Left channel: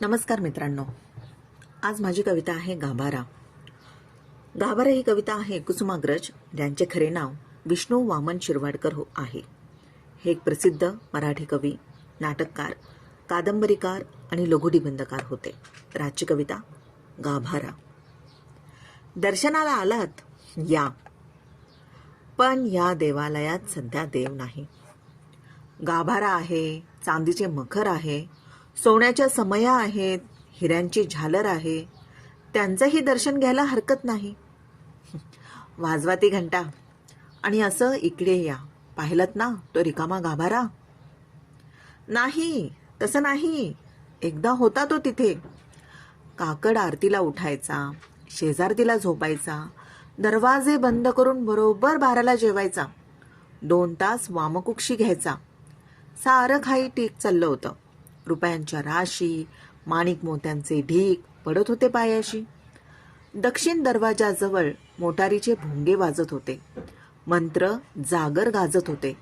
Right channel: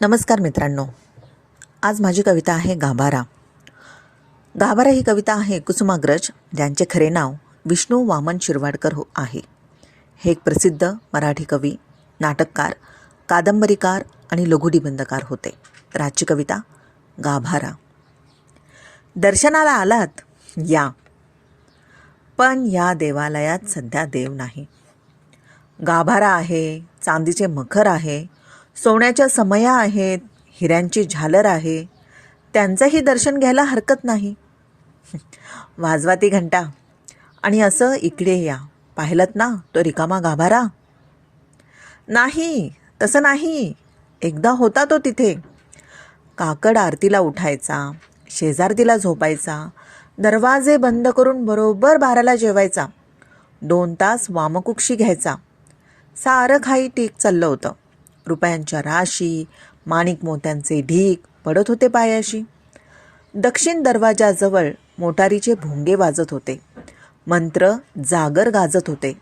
नमस्कार मित्रांनो, आज माझी कविता आहे गाभारा. गाभारा ही कविता आहे कुसुमाग्रज, ज्यांचे खरे नाव विष्णू वामन शिरवाडकर आहे. हे एक प्रसिद्ध मराठी कवी, नाटककार, कादंबरीकार आणि लघुनिबंधकार होते. तर आजची कविता गाभारा. दर्शनाला आलात या, पण या देवालयात सध्या देव नाही. गाभारा आहे, चांदीचे मखर आहे, सोन्याच्या समया आहेत, हिऱ्यांची झालर आहे, त्यांचंही दर्शन घ्यायला हरकत नाही. वाजवा ती घंटा आणि असं इकडे या, पाहिलत ना तो रिकामा गाभारा. नाही, तसं नाही, एकदा होता तो तिथे. काकड आरतीला उठायचा, शेजारतीला झोपायचा, दरवाजे बंद करून बरोबर 12ला जेवायचा, 2 तास वामकुक्षी घ्यायचा. सारं काही ठीक चाललं होतं. रुपयांच्या राशी, माणिक मोत्यांचे ढीक पडत होते पायाशी. दक्षिण दरवाजाजवळ मोटारीचे भोंगे वाजत होते, मंत्र जागर गाजत होते.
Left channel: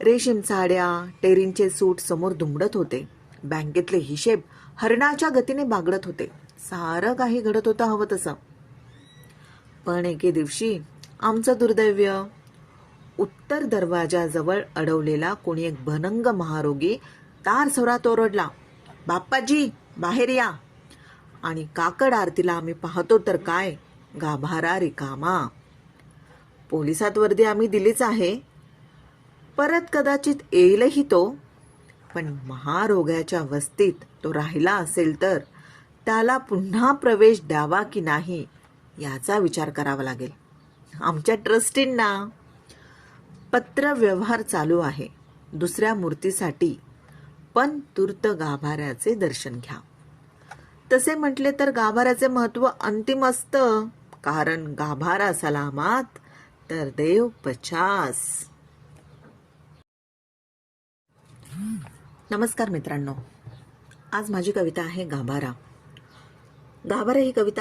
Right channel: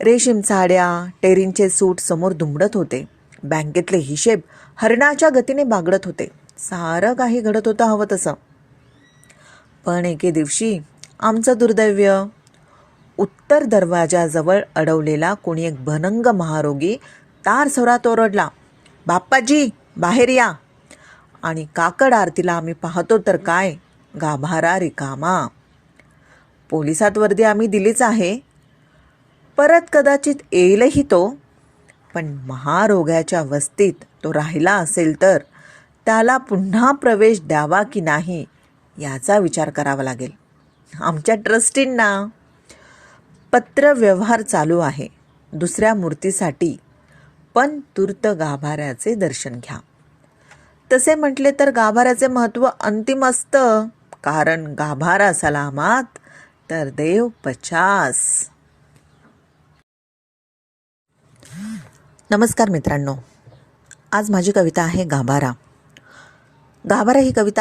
रेशीम साड्या, टेरींचे सूट समोर दुमडत होते. बँकेतले हिशेब हरणाच्या गतीने बागडत होते. सारं काही घडत होतं हवं तसं. पण एके दिवशी आमचं दुर्दैव्य. उत्तर दरवाजाजवळ अडवलेला कोणी एक भनंग महारोगी तार स्वरात ओरडला, बाप्पाजी बाहेर या. आणि काकड आरतीला आम्ही पाहतो तर काय, गाभारा रिकामा. पोलिसात वर्दी आम्ही दिलीच आहे, परत कदाचित येईलही तो. पण महारोग्याच्या वस्तीत तो राहिला असेल तर त्याला पुन्हा प्रवेश द्यावा की नाही याचा विचार करावा लागेल. आमच्या ट्रस्टींना पत्र व्यवहार चालू आहे दुसऱ्या मूर्तीसाठी, पण तूर्त गाभाऱ्याचे दर्शन घ्या. तसे म्हटले तर गाभाऱ्याचे महत्त्व अंतिम असतं, कारण गाभारा सलामात तर देव 50. नमस्कार मित्रांनो, आज माझी कविता आहे गाभारा. गाभारा ही कविता